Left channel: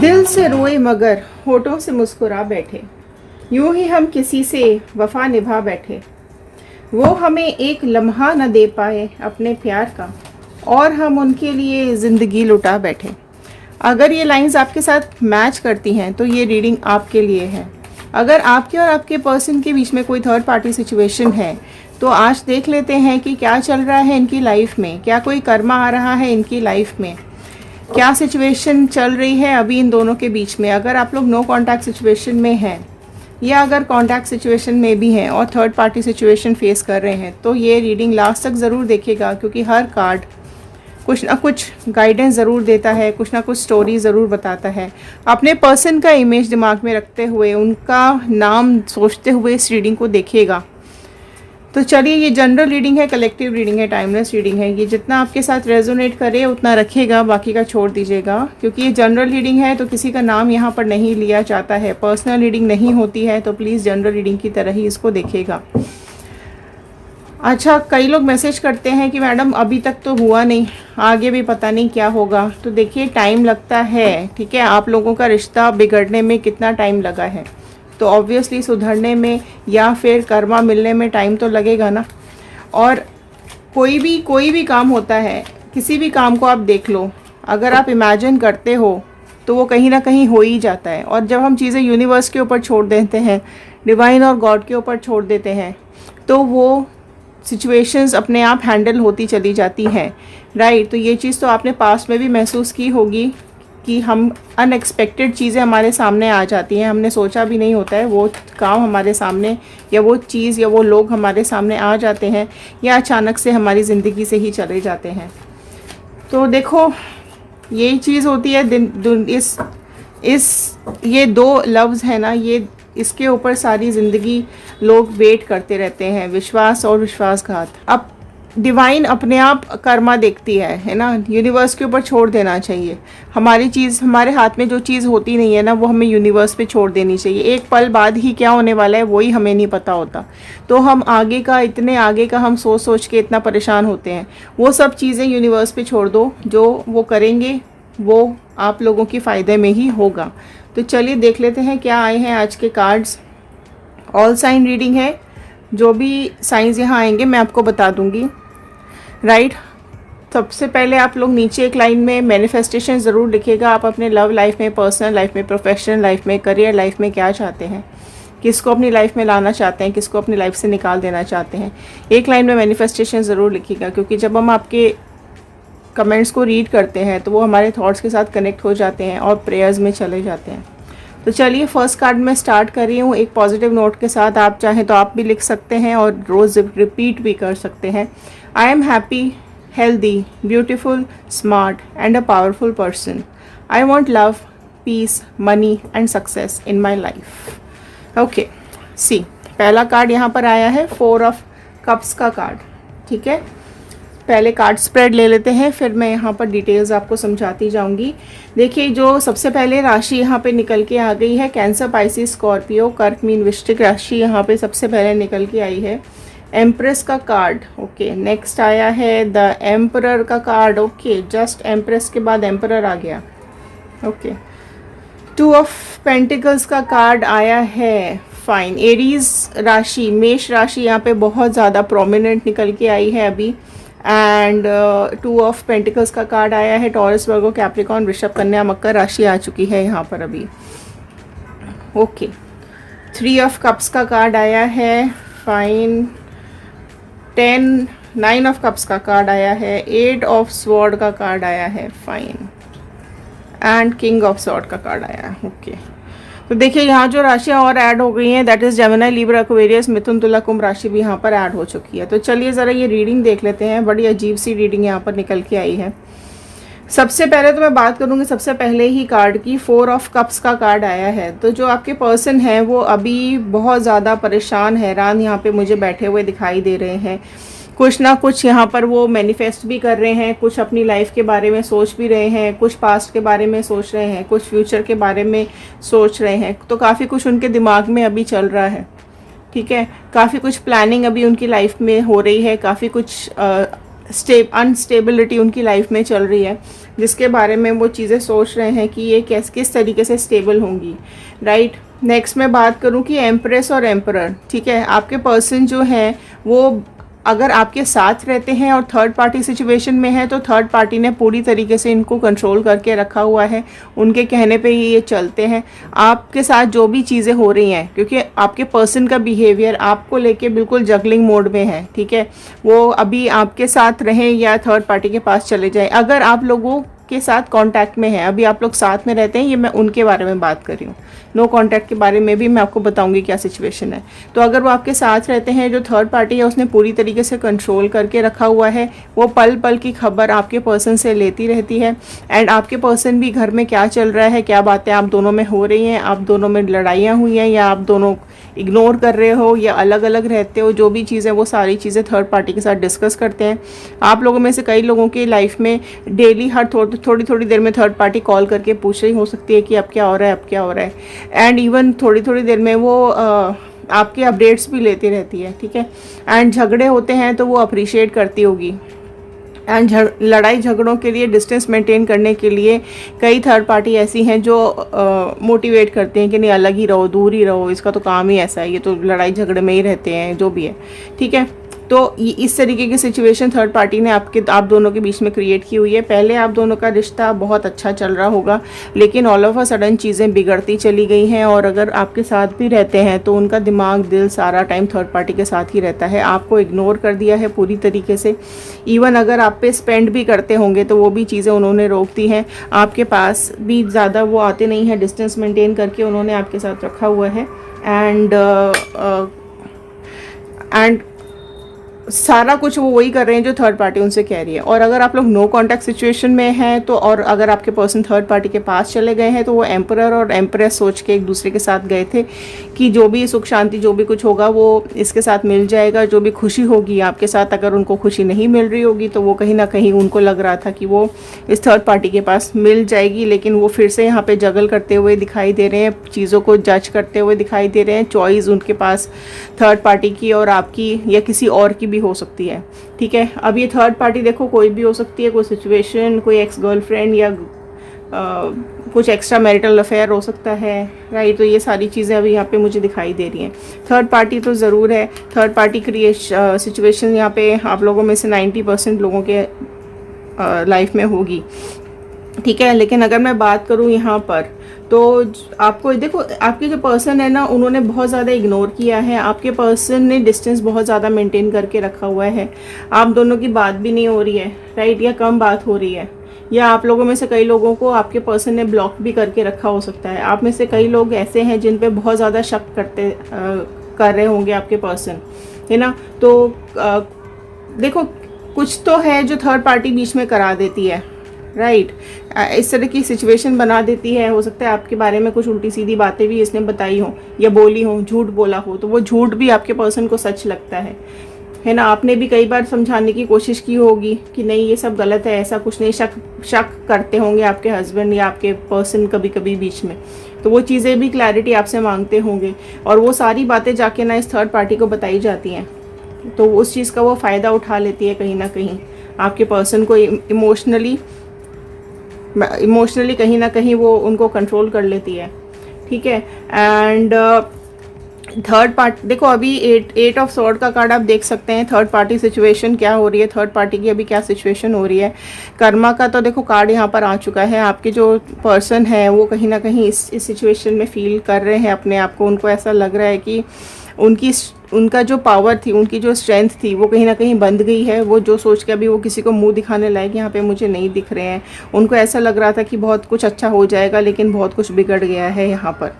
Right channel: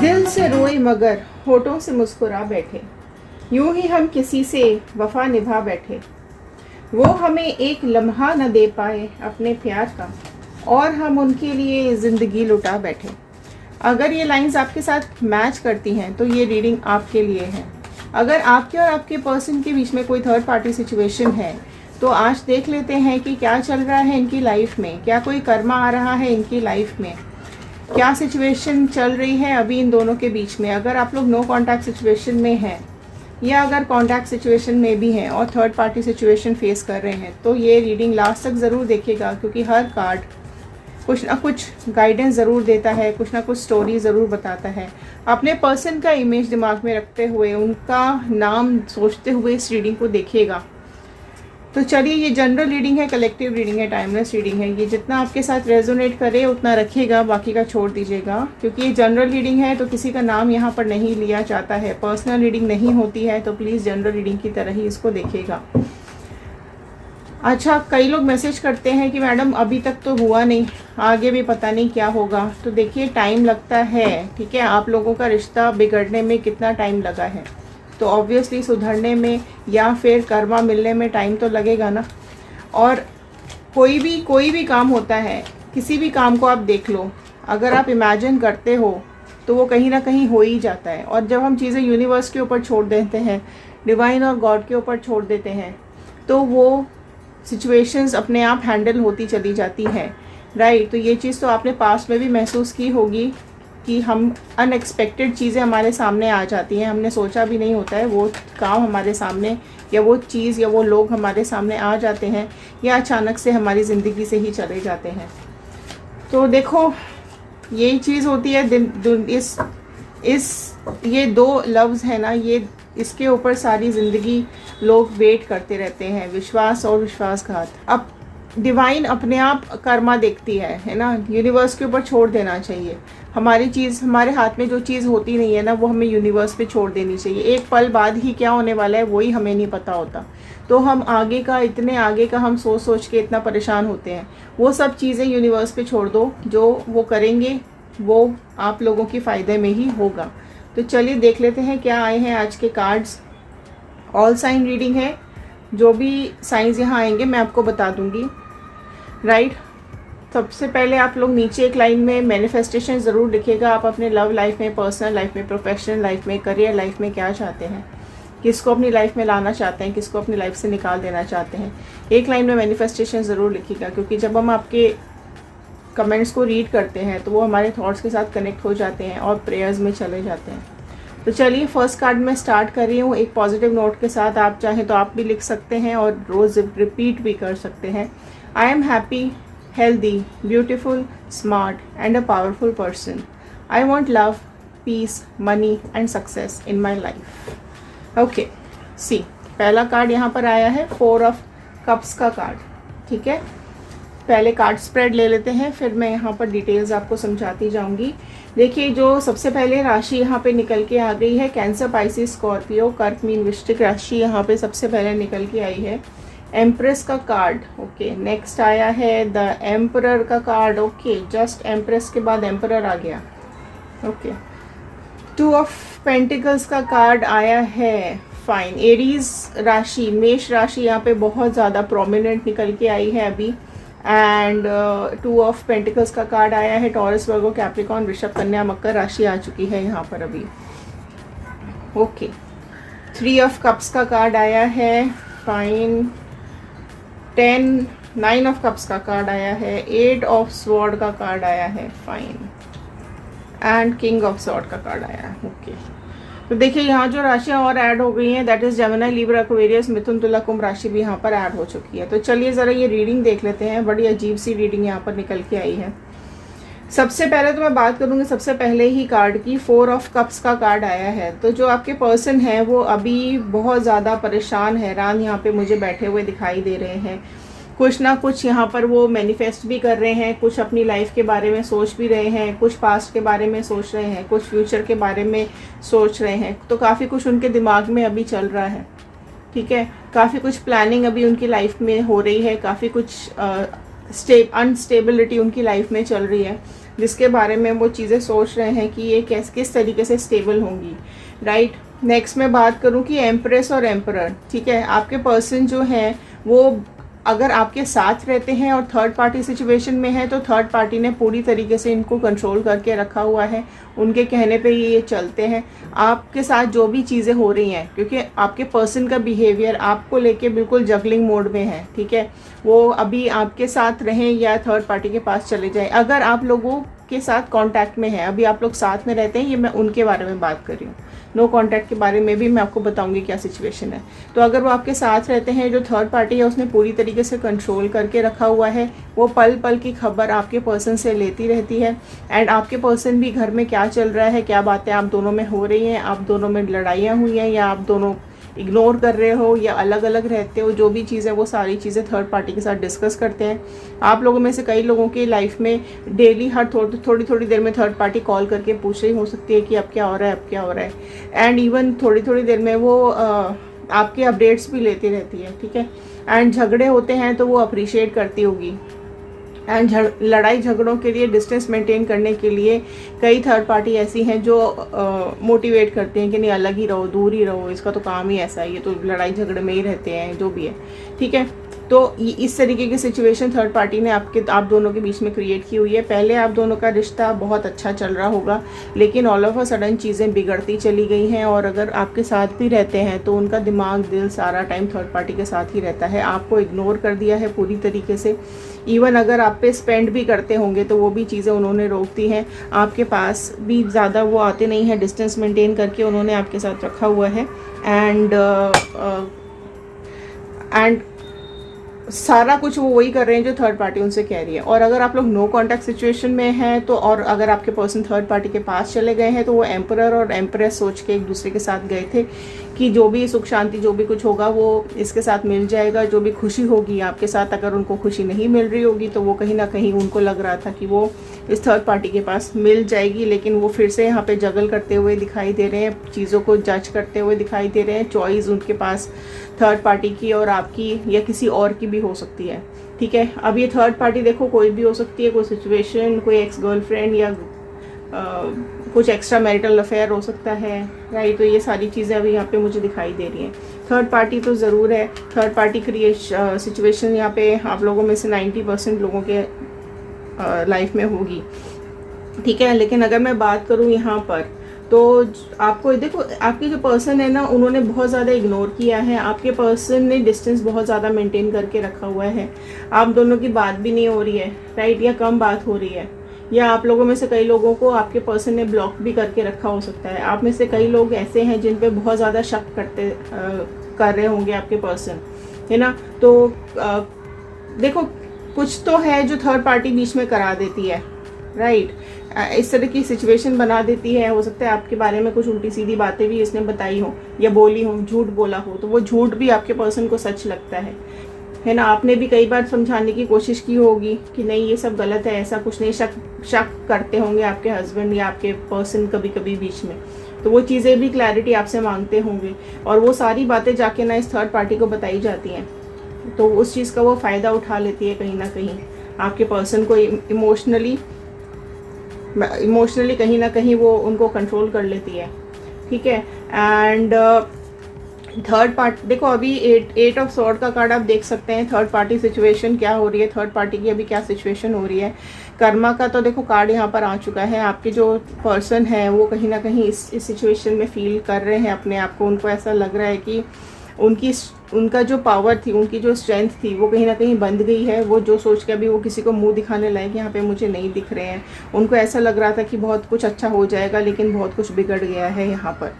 दिल से रोए मगर होठों से मुस्कुरा बैठे, यूं ही हम किसी से वफा निभा बैठे। वो हमें एक लम्हा न दे पाए अपने प्यार का, और हम उनके लिए ज़िंदगी लुटा बैठे। अगर ये लाइंस आपके साथ मैच करती हैं तो ये रीडिंग आपके लिए है। अगर आपके और आपके पर्सन के बीच में कोई थर्ड पार्टी सिचुएशन है तो आज देख लेते हैं कि क्या चल रहा है इनकी लाइफ में, क्या कोई कर्मा आ रहा है इनकी लाइफ में, क्या सिचुएशन चल रही है अभी इन दोनों के बीच में। अगर आप लोग नो कांटेक्ट सिचुएशन में हैं या अगर कांटेक्ट सिचुएशन में भी हैं और थर्ड पार्टी सिचुएशन फेस कर रहे हैं तो ये रीडिंग लास्ट तक ज़रूर देखिएगा, क्योंकि हर कार्ड कुछ ना कुछ गाइडेंस ज़रूर देता है, कुछ ना कुछ स्टोरी ज़रूर बताता है। अपने पर्सन का इमेज दिमाग में रखते हुए, उनका नाम सोचते हुए इस रीडिंग को देखिएगा। तो चलिए, ये जनरल रीडिंग है, कलेक्टिव रीडिंग है, टाइमलेस रीडिंग है। ये जितना आपके साथ रेजोनेट करे उतना रखिएगा, बाकी का छोड़ दीजिएगा, क्योंकि ये जनरल रीडिंग है तो किसी का नाम यहाँ पर नहीं लिया जाता है। पर्सनल रीडिंग नहीं होती है, तो प्लीज़ जनरल रीडिंग की तरह ही इसको देखिएगा। अच्छा, कई लोग मैसेज करते हैं कि मैडम अभी तक तो हुआ नहीं, आगे भी पता नहीं क्या होगा। तो देखिए, टाइम लगता है, ठीक है। आप लोगों का रिश्ता बिगड़ने में कितना टाइम लगा है, तो ऑब्वियसली सुधरने में या फिर कर्मा मिलने में टाइम तो लगेगा ना। और कोई भी काम होता है, किसी भी काम को आप देख लो, अगर आप इमेजिन करते हो तो वो कहीं ना कहीं हो ही जाता है। और जब हम चीज़ें यूनिवर्स के ऊपर छोड़ देते हैं, डिवाइन और गॉड के ऊपर छोड़ देते हैं, तो वो सिचुएशंस अपने आप हैंडल होती चली जाती हैं, राइट। तो ये चीज़ तो आपने पास्ट में भी महसूस की होगी कि हम अनएक्सपेक्टेड चीज़ें हमारे सामने आ जाती हैं, हमने सोचा भी नहीं होता है, वो काम हमारे सामने या वो चीज़ या वो लोग हमारे सामने आ जाते हैं या अचानक से हमारी ज़िंदगी से ही चले जाते हैं। तो देखो, यही चीज़ होती है। ये दो लफ्ज़ है ना, ये इसके ऊपर सारी ज़िंदगी लोग वेट करते रहते हैं, विश्वास और विश्वासघात। अब डिवाइन अपने आप कर्मा देखती है ना। यूनिवर्स के ऊपर छोड़ देना चाहिए। हमारी चीज़, हमारे हाथ में जो चीज़ होती नहीं है ना, वो हमें यूनिवर्स पे छोड़ देनी चाहिए। एक पल बाद ही क्या होने वाला है वही हमें नहीं पता होता, तो हम आगे का, इतने आगे का हम सोच सोच के इतना परेशान होते हैं। वो सब चीज़ें यूनिवर्स पे छोड़ दो, जो वो करेंगे वो आप लोगों के फ़ायदे में ही होगा। तो चलिए देख लेते हैं क्या आए हैं आज के कार्ड्स। ऑल साइन रीडिंग है, जो भी साइंस यहाँ आएंगे मैं आपको बता दूंगी, राइट। सबसे पहले आप लोग नीचे एक लाइन में मैनिफेस्टेशन ज़रूर लिखिएगा। आप अपने लव लाइफ में, पर्सनल लाइफ में, प्रोफेशनल लाइफ में, करियर लाइफ में क्या चाहते हैं, किसको अपनी लाइफ में लाना चाहते हैं, किसको अपनी लाइफ से निकाल देना चाहते हैं। एक लाइन में मैनिफेस्टेशन ज़रूर लिखिएगा, क्योंकि जब हम आपके कमेंट्स को रीड करते हैं तो वो हमारे थॉट्स के साथ कनेक्ट हो जाते हैं और प्रेयर्स में चले जाते हैं। तो चलिए, फर्स्ट कार्ड में स्टार्ट कर रही हूँ एक पॉजिटिव नोट के साथ। आप चाहें तो आप भी लिख सकते हैं और रोज़ रिपीट भी कर सकते हैं। I am happy, healthy, beautiful, smart and a powerful person. I want love, peace, money and success in my life. Okay, see, पहला कार्ड यहाँ पर आया है 4 ऑफ कप्स का कार्ड, ठीक है। पहले कार्ड स्प्रेड ले लेते हैं, फिर मैं यहाँ पर डिटेल्स आपको समझाती जाऊंगी। देखिए, जो सबसे पहले राशि यहाँ पे निकल के आ गई है, कैंसर, पाइसिस, स्कॉर्पियो, कर्क, मीन, वृश्चिक राशि यहाँ पे सबसे पहले निकल के आई है। एम्प्रेस का कार्ड, ओके। नेक्स्ट आया है द एम्परर का कार्ड, ओके। जस्ट एम्प्रेस के बाद एम्परर आ गया, ओके। 2 ऑफ पेंटिकल्स का कार्ड आया है, फाइन। एरीज राशि, मेष राशि यहाँ पे बहुत ज़्यादा प्रोमिनेंट निकल के आई है अभी। एंड 2 ऑफ पेंटिकल्स का कार्ड आया है, टॉरस, वर्गो, कैप्रिकॉर्न, वृषभ, कन्या, मकर राशि आ चुकी है यहाँ पर अभी, ओके। 3 ऑफ कप्स का कार्ड आया है, फाइन। 9 ऑफ कप्स का कार्ड आया है, 8 ऑफ स्वॉर्ड का कार्ड आया है, fine. And king of sword का कार्ड आया है, ओके। तो देखिए, यहाँ जो राशियाँ और ऐड हो गई हैं, that is Gemini, Libra, Aquarius, मिथुन, तुला, कुंभ राशि भी यहाँ पर ऐड हो चुकी है। तो चलिए ज़रा ये रीडिंग देख लेते हैं। बड़ी अजीब सी रीडिंग यहाँ पर निकल के आई है। सबसे पहले तो मैं बात करूँगी, सबसे पहले ही कार्ड की 4 ऑफ कप्स का कार्ड आया है। तो जो आपके पर्सन है वो अभी बहुत ज़्यादा परेशान, हैरान यहाँ पे मुझे बैठे हुए दिखाई दे रहे हैं। कुछ ना कुछ यहाँ पर वो मैनिफेस्ट भी कर रहे हैं, कुछ अपनी लाइफ के बारे में सोच भी रहे हैं, कुछ पास्ट के बारे में सोच रहे हैं, कुछ फ्यूचर के बारे में सोच रहे हैं। तो काफ़ी कुछ उनके दिमाग में अभी चल रहा है, ठीक है। काफ़ी कुछ प्लानिंग अभी उनकी लाइफ में हो रही है, काफ़ी कुछ अनस्टेबिलिटी उनकी लाइफ में चल रही है। जिसके बारे में वो चीज़ें सोच रहे हैं कि ये किस तरीके से स्टेबल होंगी, राइट। नेक्स्ट मैं बात करूं कि एम्प्रेस और एम्परर, ठीक है। आपके पर्सन जो है वो अगर आपके साथ रहते हैं और थर्ड पार्टी सिचुएशन में है, तो थर्ड पार्टी ने पूरी तरीके से इनको कंट्रोल करके रखा हुआ है, उनके कहने पे ही ये चलते हैं। आपके साथ जो भी चीज़ें हो रही हैं, क्योंकि आपके पर्सन का बिहेवियर आपको लेके बिल्कुल जगलिंग मोड में है, ठीक है। वो अभी आपके साथ रहें या थर्ड पार्टी के पास चले जाएं, अगर आप लोगों के साथ कांटेक्ट में है, अभी आप लोग साथ में रहते हैं, ये मैं उनके बारे में बात कर रही हूँ। नो कांटेक्ट के बारे में भी मैं आपको बताऊंगी क्या सिचुएशन है। तो अगर वो आपके साथ रहते हैं, जो थर्ड पार्टी है उसने पूरी तरीके से कंट्रोल करके रखा हुआ है, वो पल पल की खबर आपके पर्सन से लेती रहती है। एंड आपके पर्सन भी घर में क्या चल रहा है, क्या बातें आप दोनों में हो रही हैं, आप दोनों में लड़ाइयाँ हुई हैं या आप दोनों इग्नोर कर रहे हो या अलग अलग रहते हो, जो भी चीज़ें वो सारी चीज़ें थर्ड पार्टी के साथ डिस्कस करते हैं। आप लोगों में से कई लोगों की लाइफ में डेली हर थोड़ी थोड़ी देर में थर्ड पार्टी कॉल करके पूछ रही हो सकती है कि अब क्या हो रहा है, अब क्या हो रहा है। एंड इवन थोड़ी थोड़ी देर में वो आपके अपडेट्स भी लेती रहती है, ठीक है। एंड झगड़े होते हैं तो वो अप्रिशिएट करती होगी। एंड लड़ाई झगड़ों के लिए डिस्टेंस मेंटेन करने के लिए कई थर्ड पार्टी ऐसी हैं जो मोटिवेट करते हैं कि नहीं अलग ही रहो, दूर ही रहो, इसका तो काम ही ऐसा है, ये तो लड़ाई झगड़े में ही रहते हैं, जो भी है, ठीक है। तो इस तरीके की सिचुएशन थर्ड पार्टी ने आप दोनों के बीच में क्रिएट की हुई है। पहले आप दोनों का रिश्ता बहुत अच्छा चल रहा होगा, लेकिन ऑल ऑफ अ सडन चीज़ें बिगड़ती चली गई हैं। और अगर आपके साथ भी रहते हैं तो उनका दिमाग दिल सारा टाइम थर्ड पार्टी के साथ ही रहता है, आपको इग्नोर कर दिया है पूरी तरीके से। इवन अगर आप पे स्पेंड भी करते होंगे तो वो भी चीज़ें उन्होंने रोक दी हैं। आपके पास भी ज़्यादा वो आते नहीं हैं, डिस्टेंस मेंटेन करके उन्होंने आपके साथ रखा हुआ है। एंड सारा कुछ वो वही कर रहे हैं जो थर्ड पार्टी उनसे कह रही है। और अगर आप लोग नो कांटेक्ट सिचुएशन में हैं तो, और अगर आपके पर्सन थर्ड पार्टी के पास चले गए हैं, तो वो एम्परर और एम्प्रेस सोच के एक दूसरे के साथ गए थे कि जो भी सुख शांति जो भी कुछ होगा वो इसके साथ मिल जाएगा, जो भी खुशी होगी आपके साथ, अगर उनको खुशी नहीं मिल रही होगी तो वो कहीं ना कहीं उनको लग रहा था कि वो इस थर्ड पार्टी के पास मिल जाएगी। लेकिन वो फिर से यहाँ पे जगल करते हुए दिखाई दे रहे हैं, चीज़ों को जज करते हुए दिखाई दे रहे हैं। चॉइस उनके पास थर्ड पार्टी की और आपकी या किसी और की भी हो सकती है, ठीक है। अब ये थर्ड पार्टी देखो कोई भी हो सकती है, कोई सिचुएशन, कोई एक्स गर्लफ्रेंड या कुछ एक्स्ट्रा मैरिटल अफेयर हो सकता है, राइट। तो ये सारी चीज़ें अभी यहाँ पे मुझे दिखाई दे रही हैं। थर्ड पार्टी तो ज़रूर है, थर्ड पार्टी सिचुएशन यहाँ पे आप लोगों में से 90% लोगों के लाइफ में होगी, ठीक है। लेकिन अगर मैं बात करूँ यहाँ पर, तो आपको देखो आपके जो पर्सन है ना, उन्होंने बहुत ज़्यादा इग्नोर किया है। आपके पर्सन ने डिस्टेंस बहुत ज़्यादा मेंटेन करके रखा हुआ है, आप दोनों की बात भी नहीं हो रही है, राइट, या कम बात हो रही है। या आप लोगों में से कई लोगों को आपके पर्सन ने ब्लॉक भी करके रखा हो सकता है। आप में से कई लोग ऐसे हैं जिन पे बहुत ज़्यादा शक कर रहे होंगे आपके पर्सन, है ना। तो देखो कुछ तो है जो थर्ड पार्टी बीच में करा देती है, राइट। इस तरह की सिचुएशन बना देती है। हो सकता है आपके बारे में कुछ उल्टी सीधी बातें भी इसने बताई हो या बोली हो, झूठ बोला हो, तो वो झूठ भी आपके पर्सन को सच लगता है ना। आपने भी कई बार समझाने की कोशिश की होगी कि नहीं ये सब गलत है, ऐसा कुछ नहीं। शक करते होंगे आपके हस्बैंड या आपके पर्सन कभी कभी बीच में, तो वो चीज़ें भी क्लैरिटी आपसे मांगते होंगे और वो सारी बातें जाके ना इस थर्ड पार्टी को बताई जाती हैं, तो उस चीज़ का वो फ़ायदा उठा लेती है कहीं ना कहीं। आपके पर्सन को इमोशनली कहीं ना कहीं वो उनको कंट्रोल कर लेती है, ठीक है। एंड थर्ड पार्टी देखो अभी 8 ऑफ स्वॉर्ड का कार्ड आप देख सकते हैं। थर्ड पार्टी सिचुएशन क्या हो रही है, थर्ड पार्टी की अभी क्या सिचुएशन हो रही है। कर्मा का तो देखो कार्ड यहाँ पर आ चुका है। आपके जो पर्सन है वो कहीं ना कहीं इस सिचुएशन में फील कर रहे हैं अपने आप को। उनको ऐसा लग रहा है कि उनका जो पावर थी, उनकी जो स्ट्रेंथ थी, वो कहीं ना कहीं बंद गई है। वो जो सोच के अभी वो किसी को मुंह दिखाने लायक यहाँ पे मुझे नहीं दिख रहे हैं। उनको ऐसा लग रहा था कि बहुत कुछ अच्छा हो जाएगा, लेकिन बहुत कुछ बिगड़ गया है यहाँ पर,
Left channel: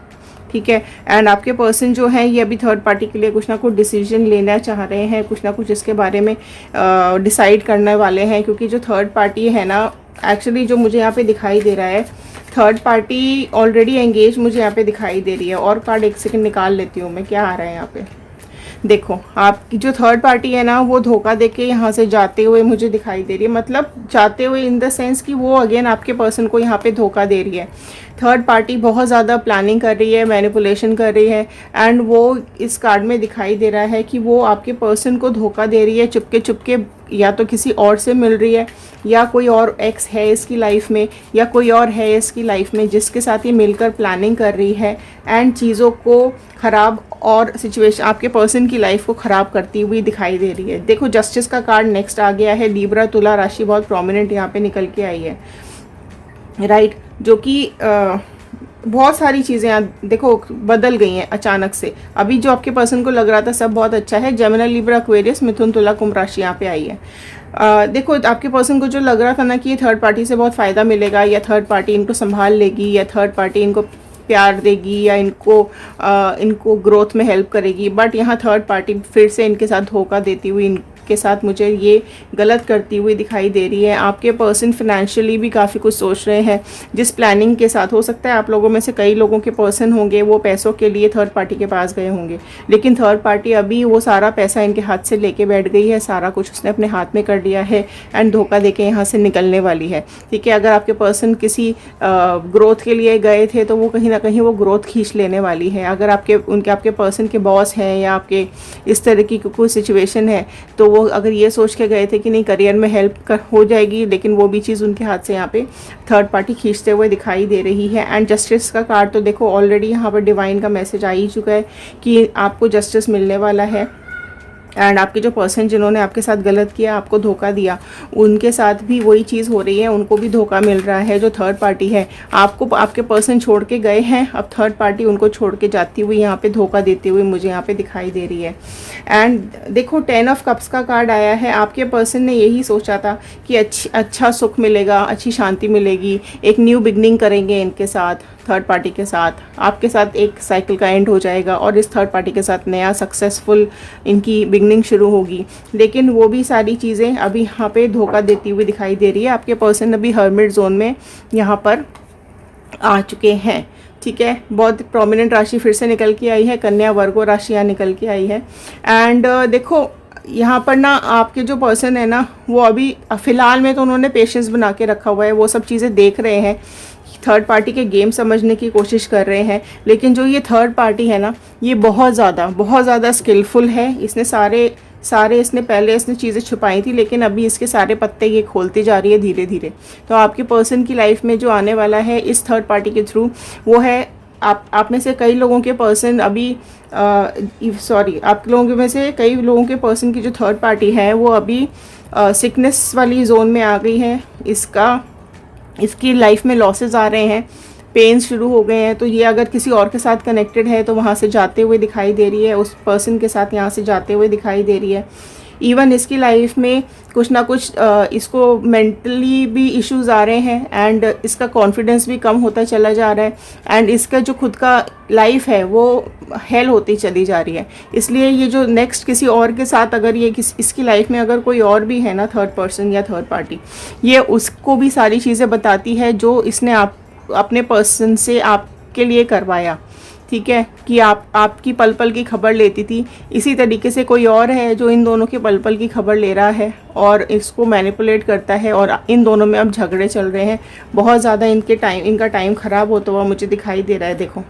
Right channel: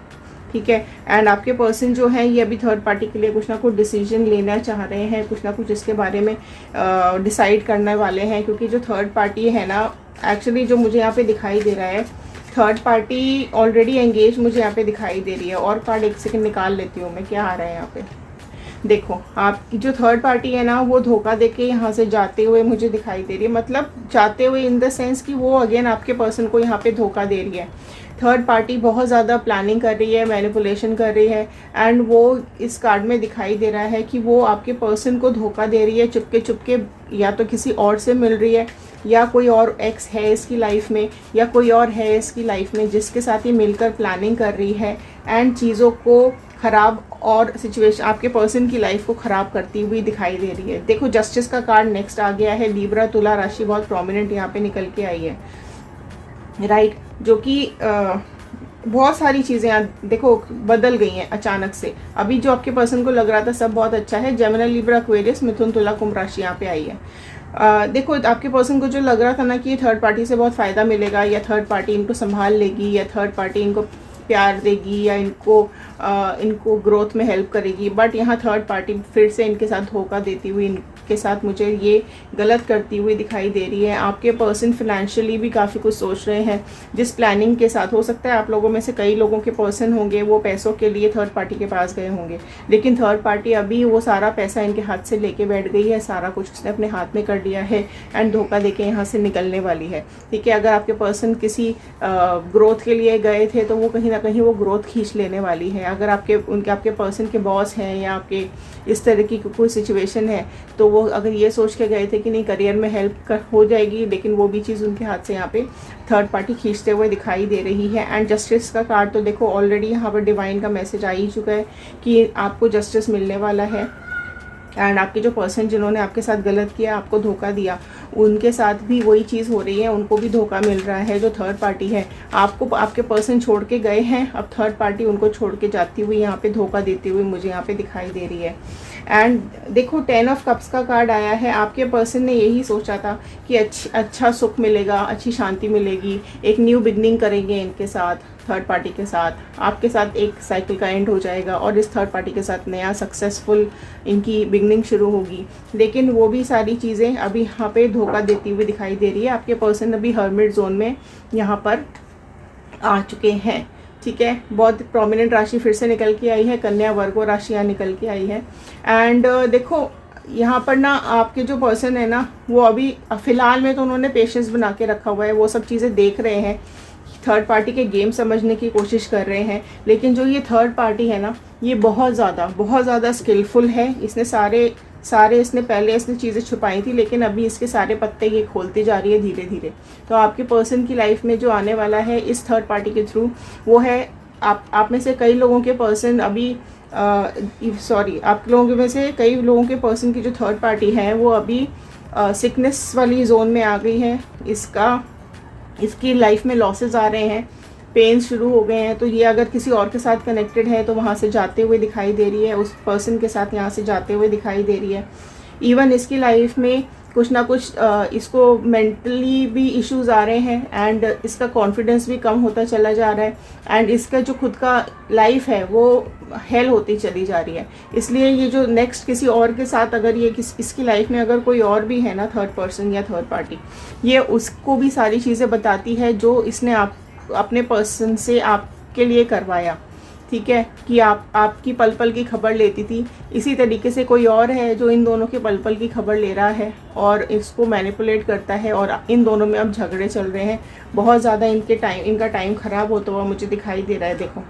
ठीक है। एंड आपके पर्सन जो है ये अभी थर्ड पार्टी के लिए कुछ ना कुछ डिसीजन लेना चाह रहे हैं, कुछ ना कुछ इसके बारे में डिसाइड करने वाले हैं। क्योंकि जो थर्ड पार्टी है ना, एक्चुअली जो मुझे यहाँ पे दिखाई दे रहा है, थर्ड पार्टी ऑलरेडी एंगेज मुझे यहाँ पे दिखाई दे रही है। और कार्ड एक सेकंड निकाल लेती हूँ मैं, क्या आ रहा है यहाँ पे। देखो आपकी जो थर्ड पार्टी है ना, वो धोखा देके यहाँ से जाते हुए मुझे दिखाई दे रही है। मतलब जाते हुए इन द सेंस कि वो अगेन आपके पर्सन को यहाँ पे धोखा दे रही है। थर्ड पार्टी बहुत ज़्यादा प्लानिंग कर रही है, मैनिपुलेशन कर रही है। एंड वो इस कार्ड में दिखाई दे रहा है कि वो आपके पर्सन को धोखा दे रही है, चुपके चुपके या तो किसी और से मिल रही है, या कोई और एक्स है इसकी लाइफ में, या कोई और है इसकी लाइफ में जिसके साथ ये मिलकर प्लानिंग कर रही है एंड चीज़ों को ख़राब और सिचुएशन आपके पर्सन की लाइफ को ख़राब करती हुई दिखाई दे रही है। देखो जस्टिस का कार्ड नेक्स्ट आ गया है। लीब्रा तुला राशि बहुत प्रोमिनेंट यहाँ पे निकल के आई है, राइट, जो कि बहुत सारी चीज़ें देखो बदल गई हैं अचानक से। अभी जो आपके पर्सन को लग रहा था सब बहुत अच्छा है, जेमिनी लिब्रा एक्वेरियस मिथुन तुला कुंभ राशि यहाँ पे आई है। देखो आपके पर्सन को जो लग रहा था ना कि ये थर्ड पार्टी से बहुत फ़ायदा मिलेगा, या थर्ड पार्टी इनको संभाल लेगी, या थर्ड पार्टी इनको प्यार देगी, या इनको ग्रोथ में हेल्प करेगी, बट यहाँ थर्ड पार्टी फिर से इनके साथ धोखा देती हुई, इनके साथ मुझे ये गलत करती हुई दिखाई दे रही है। आपके पर्सन फिनेंशियली भी काफ़ी कुछ सोच रहे हैं, जिस प्लानिंग के साथ हो सकता है आप लोगों में से कई लोगों के पर्सन होंगे वो पैसों के लिए थर्ड पार्टी के पास गए होंगे, लेकिन थर्ड पार्टी अभी वो सारा पैसा इनके हाथ से लेके बैठ गई है, सारा कुछ उसने अपने हाथ में कर लिया है एंड धोखा देके यहाँ से निकलने वाली है। ठीक है, अगर आपके पर्सन किसी ग्रोथ के लिए गए थे तो वो कहीं ना कहीं वो ग्रोथ खींच लेने वाली है। अगर आपके पर्सन के बॉस हैं या आपके इस तरह की कोई सिचुएशन है तो वो अगर ये सोच के गए थे कि नहीं करियर में हेल्प हो जाएगी, लेकिन वो भी चीज़ उनके हाथ से यहाँ पे थर्ड पार्टी खींचते हुए दिखाई दे रही है। एंड जस्टिस का कार्ड तो देखो ऑलरेडी यहाँ पर डिवाइन का मैसेज आ ही चुका है कि आपको जस्टिस मिलने वाला है। एंड आपके जो पर्सन जिन्होंने आपके साथ गलत किया, आपको धोखा दिया, उनके साथ भी वही चीज़ हो रही है, उनको भी धोखा मिल रहा है। जो थर्ड पार्टी है आपको आपके पर्सन छोड़ के गए हैं, अब थर्ड पार्टी उनको छोड़ के जाती हुई यहाँ पे धोखा देते हुए मुझे यहाँ पे दिखाई दे रही है। एंड देखो 10 ऑफ कप्स का कार्ड आया है। आपके पर्सन ने यही सोचा था कि अच्छा सुख मिलेगा, अच्छी शांति मिलेगी, एक न्यू बिगनिंग करेंगे इनके साथ, थर्ड पार्टी के साथ, आपके साथ एक साइकिल का एंड हो जाएगा और इस थर्ड पार्टी के साथ नया सक्सेसफुल इनकी बिगनिंग शुरू होगी। लेकिन वो भी सारी चीज़ें अभी यहाँ पे धोखा देती हुई दिखाई दे रही है। आपके पर्सन अभी हर्मिट जोन में यहाँ पर आ चुके हैं। ठीक है, बहुत प्रोमिनेंट राशि फिर से निकल के आई है, कन्या वर्गो राशि यहाँ निकल के आई है। एंड देखो यहाँ पर ना आपके जो पर्सन है ना वो अभी फ़िलहाल में तो उन्होंने पेशेंस बना के रखा हुआ है, वो सब चीज़ें देख रहे हैं, थर्ड पार्टी के गेम समझने की कोशिश कर रहे हैं। लेकिन जो ये थर्ड पार्टी है ना ये बहुत ज़्यादा स्किलफुल है। इसने सारे इसने चीज़ें छुपाई थी, लेकिन अभी इसके सारे पत्ते ये खोलती जा रही है धीरे धीरे। तो आपके पर्सन की लाइफ में जो आने वाला है इस थर्ड पार्टी के थ्रू वो है आप में से कई लोगों के पर्सन अभी आप लोगों में से कई लोगों के पर्सन की जो थर्ड पार्टी है वो अभी सिकनेस वाली जोन में आ गई है। इसकी लाइफ में लॉसेस आ रहे हैं, पेन्स शुरू हो गए हैं। तो ये अगर किसी और के साथ कनेक्टेड है तो वहाँ से जाते हुए दिखाई दे रही है, उस पर्सन के साथ यहाँ से जाते हुए दिखाई दे रही है। इवन इसकी लाइफ में कुछ ना कुछ इसको मेंटली भी इश्यूज आ रहे हैं एंड इसका कॉन्फिडेंस भी कम होता चला जा रहा है एंड इसका जो खुद का लाइफ है वो हेल होती चली जा रही है। इसलिए ये जो नेक्स्ट किसी और के साथ अगर ये इसकी लाइफ में अगर कोई और भी है ना थर्ड पर्सन या थर्ड पार्टी, ये उसको भी सारी चीज़ें बताती है जो इसने अपने पर्सन से आपके लिए करवाया। ठीक है, कि आपकी पल पल की खबर लेती थी, इसी तरीके से कोई और है जो इन दोनों के पल पल की खबर ले रहा है और इसको मैनिपुलेट करता है और इन दोनों में अब झगड़े चल रहे हैं। बहुत ज़्यादा इनका टाइम ख़राब होता हुआ मुझे दिखाई दे रहा है। देखो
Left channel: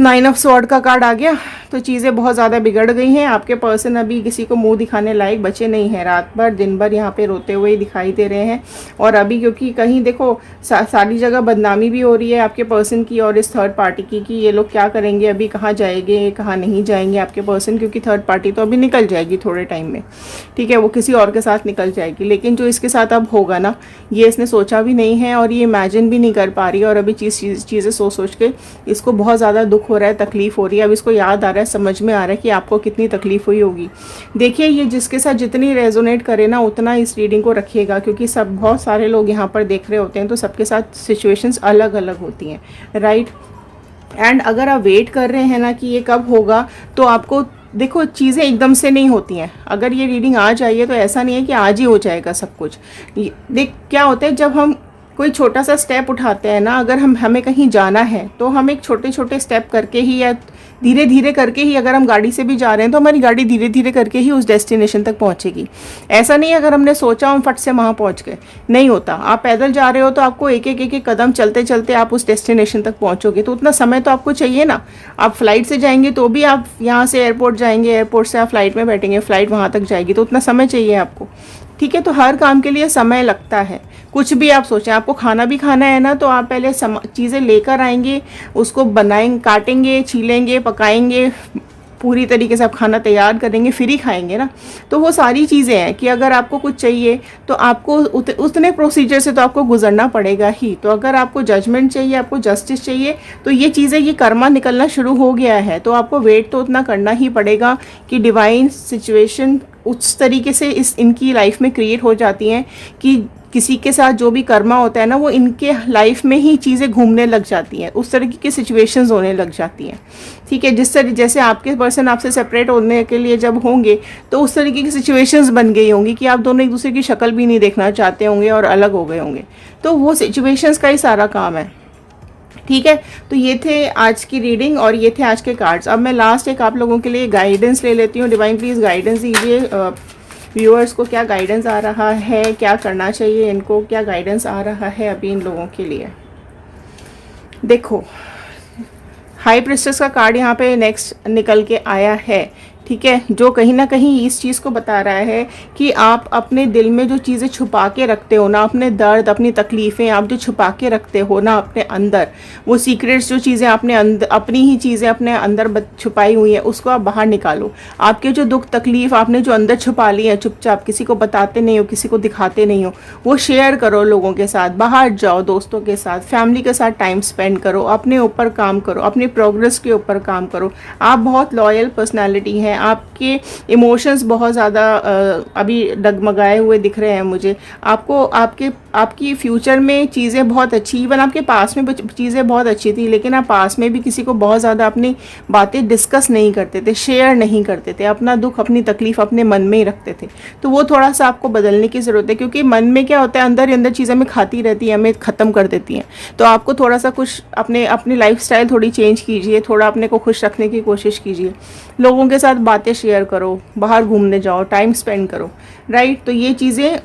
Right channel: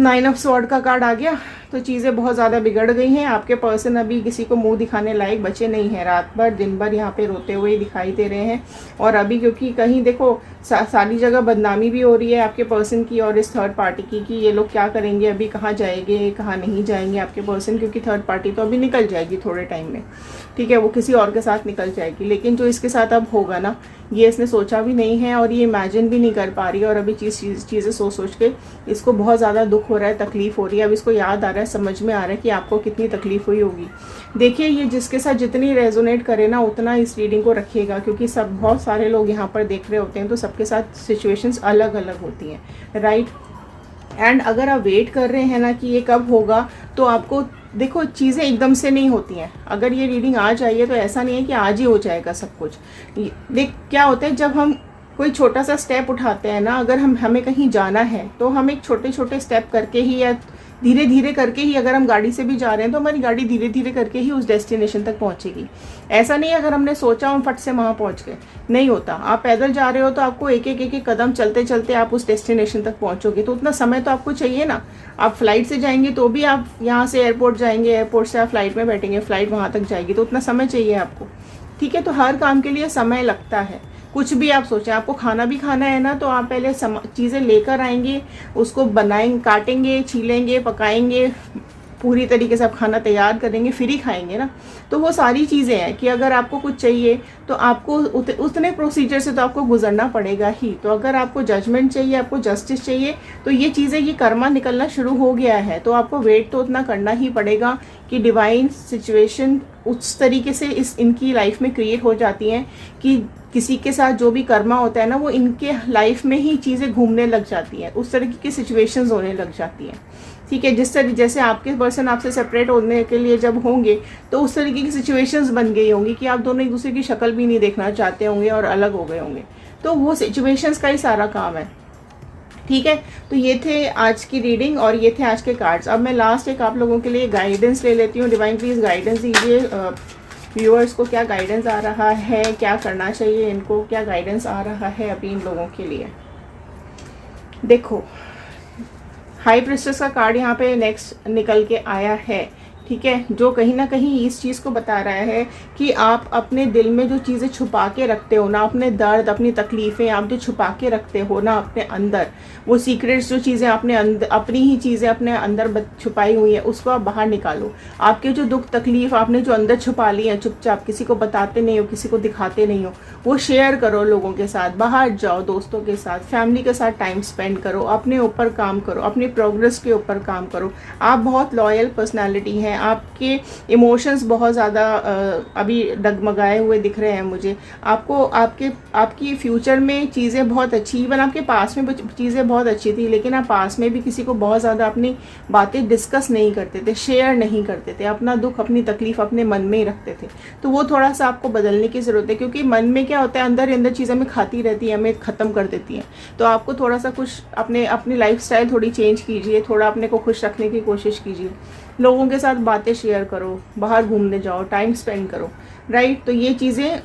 9 ऑफ स्वॉर्ड का कार्ड आ गया, तो चीज़ें बहुत ज़्यादा बिगड़ गई हैं। आपके पर्सन अभी किसी को मुंह दिखाने लायक बचे नहीं हैं, रात भर दिन भर यहाँ पे रोते हुए दिखाई दे रहे हैं। और अभी क्योंकि कहीं देखो सारी जगह बदनामी भी हो रही है आपके पर्सन की और इस थर्ड पार्टी की कि ये लोग क्या करेंगे, अभी कहाँ जाएंगे कहाँ नहीं जाएंगे आपके पर्सन, क्योंकि थर्ड पार्टी तो अभी निकल जाएगी थोड़े टाइम में। ठीक है, वो किसी और के साथ निकल जाएगी, लेकिन जो इसके साथ अब होगा ना ये इसने सोचा भी नहीं है और ये इमेजिन भी नहीं कर पा रही है। और अभी चीज़ें सोच के इसको बहुत ज़्यादा दुख हो रहा है, तकलीफ हो रही है। अब इसको याद आ रहा है, समझ में आ रहा है कि आपको कितनी तकलीफ हुई होगी। देखिए ये जिसके साथ जितनी रेजोनेट करे ना उतना इस रीडिंग को रखिएगा, क्योंकि बहुत सारे लोग यहाँ पर देख रहे होते हैं तो सबके साथ सिचुएशंस अलग अलग होती हैं, राइट। एंड अगर आप वेट कर रहे हैं ना कि ये कब होगा, तो आपको देखो चीज़ें एकदम से नहीं होती हैं। अगर ये रीडिंग आ जाइए तो ऐसा नहीं है कि आज ही हो जाएगा सब कुछ। देख क्या होता है, जब हम कोई छोटा सा स्टेप उठाते हैं ना, अगर हमें कहीं जाना है तो हम एक छोटे छोटे स्टेप करके ही या धीरे धीरे करके ही, अगर हम गाड़ी से भी जा रहे हैं तो हमारी गाड़ी धीरे धीरे करके ही उस डेस्टिनेशन तक पहुंचेगी। ऐसा नहीं अगर हमने सोचा हम फट से वहाँ पहुंच गए, नहीं होता। आप पैदल जा रहे हो तो आपको एक एक कदम चलते चलते आप उस डेस्टिनेशन तक पहुंचोगे, तो उतना समय तो आपको चाहिए ना। आप फ्लाइट से जाएंगे तो भी आप यहाँ से एयरपोर्ट जाएंगे, एयरपोर्ट से आप फ्लाइट में बैठेंगे, फ्लाइट वहाँ तक जाएगी, तो उतना समय चाहिए आपको। ठीक है, तो हर काम के लिए समय लगता है। कुछ भी आप सोचें, आपको खाना भी खाना है ना, तो आप पहले चीज़ें लेकर आएंगे, उसको बनाएंगे, काटेंगे, छीलेंगे, पकाएंगे, पूरी तरीके से आप खाना तैयार करेंगे, फिर ही खाएंगे ना। तो वो सारी चीज़ें हैं कि अगर आपको कुछ चाहिए तो आपको उतने प्रोसीजर से तो आपको गुजरना पड़ेगा ही। तो अगर आपको जजमेंट चाहिए, आपको जस्टिस चाहिए, तो ये चीज़ें, ये कर्मा निकलना शुरू हो गया है, तो आपको वेट तो उतना करना ही पड़ेगा कि डिवाइन सिचुएशन उस तरीके से इनकी लाइफ में क्रिएट हो जाती हैं कि किसी के साथ जो भी कर्मा होता है ना, वो इनके लाइफ में ही चीज़ें घूमने लग जाती हैं, उस तरीके की सिचुएशंस होने लग जाती हैं। ठीक है, जैसे आपके पर्सन आपसे सेपरेट होने के लिए जब होंगे तो उस तरीके की सिचुएशंस बन गई होंगी कि आप दोनों एक दूसरे की शक्ल भी नहीं देखना चाहते होंगे और अलग हो गए होंगे। तो वो सिचुएशंस का ही सारा काम है। ठीक है, तो ये थे आज की रीडिंग और ये थे आज के कार्ड्स। अब मैं लास्ट एक आप लोगों के लिए गाइडेंस ले लेती हूँ। डिवाइन प्लीज़ गाइडेंस दीजिए व्यूअर्स को, क्या गाइडेंस आ रहा है, क्या करना चाहिए इनको, क्या गाइडेंस आ रहा है अभी इन लोगों के लिए। देखो, हाई प्रिस्टेस का कार्ड यहाँ पे नेक्स्ट निकल के आया है। ठीक है, जो कहीं ना कहीं इस चीज़ को बता रहा है कि आप अपने दिल में जो चीज़ें छुपा के रखते हो ना, अपने दर्द, अपनी तकलीफ़ें आप जो छुपा के रखते हो ना अपने अंदर, वो सीक्रेट्स जो चीज़ें आपने अंदर, अपनी ही चीज़ें अपने अंदर छुपाई हुई है, उसको आप बाहर निकालो। आपके जो दुख तकलीफ आपने जो अंदर छुपा ली है चुपचाप, किसी को बताते नहीं हो, किसी को दिखाते नहीं हो, वो शेयर करो लोगों के साथ। बाहर जाओ, दोस्तों के साथ, फैमिली के साथ टाइम स्पेंड करो, अपने ऊपर काम करो, अपनी प्रोग्रेस के ऊपर काम करो। आप बहुत लॉयल पर्सनैलिटी हैं, आपके इमोशंस बहुत ज़्यादा अभी डगमगाए हुए दिख रहे हैं मुझे। आपको आपकी फ्यूचर में चीज़ें बहुत अच्छी, इवन आपके पास में चीज़ें बहुत अच्छी थी, लेकिन आप पास में भी किसी को बहुत ज़्यादा अपनी बातें डिस्कस नहीं करते थे, शेयर नहीं करते थे, अपना दुख, अपनी तकलीफ अपने मन में ही रखते थे। तो वो थोड़ा सा आपको बदलने की ज़रूरत है, क्योंकि मन में क्या होता है, अंदर ही अंदर चीज़ें हमें खाती रहती है, हमें ख़त्म कर देती हैं। तो आपको थोड़ा सा कुछ अपनी लाइफस्टाइल थोड़ी चेंज कीजिए, थोड़ा अपने को खुश रखने की कोशिश कीजिए, लोगों के साथ बातें शेयर करो, बाहर घूमने जाओ, टाइम स्पेंड करो, राइट। तो ये चीज़ें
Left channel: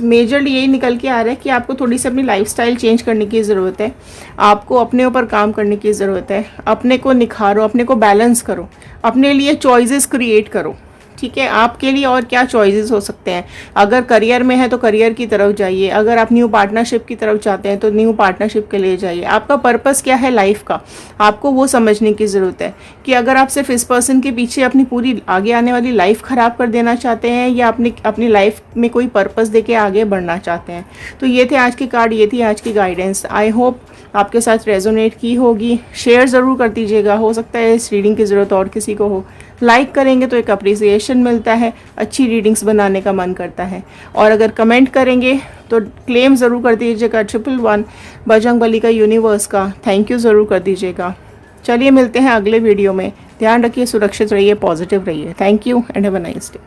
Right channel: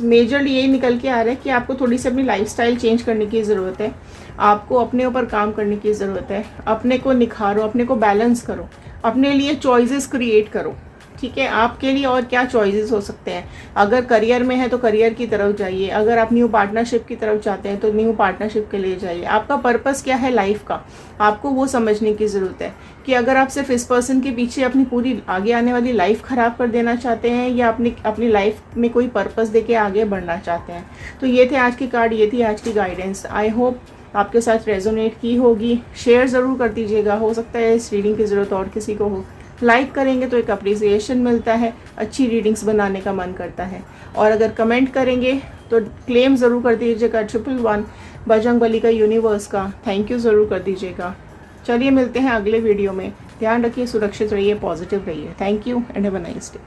मेजरली यही निकल के आ रहा है कि आपको थोड़ी सी अपनी लाइफस्टाइल चेंज करने की ज़रूरत है, आपको अपने ऊपर काम करने की ज़रूरत है, अपने को निखारो, अपने को बैलेंस करो, अपने लिए चॉइसेस क्रिएट करो। ठीक है, आपके लिए और क्या चॉइसेस हो सकते हैं। अगर करियर में है तो करियर की तरफ जाइए, अगर आप न्यू पार्टनरशिप की तरफ चाहते हैं तो न्यू पार्टनरशिप के लिए जाइए। आपका पर्पस क्या है लाइफ का, आपको वो समझने की ज़रूरत है कि अगर आप सिर्फ इस पर्सन के पीछे अपनी पूरी आगे आने वाली लाइफ ख़राब कर देना चाहते हैं या अपनी लाइफ में कोई पर्पस दे के आगे बढ़ना चाहते हैं। तो ये थे आज की कार्ड, ये थी आज की गाइडेंस। आई होप आपके साथ रेजोनेट की होगी। शेयर ज़रूर कर दीजिएगा, हो सकता है इस रीडिंग की ज़रूरत और किसी को हो। लाइक करेंगे तो एक अप्रिसिएशन मिलता है, अच्छी रीडिंग्स बनाने का मन करता है। और अगर कमेंट करेंगे तो क्लेम ज़रूर कर दीजिएगा 111 बजरंगबली का यूनिवर्स का, थैंक यू ज़रूर कर दीजिएगा। चलिए मिलते हैं अगले वीडियो में। ध्यान रखिए, सुरक्षित रहिए, पॉजिटिव रहिए। Thank you and have a nice day.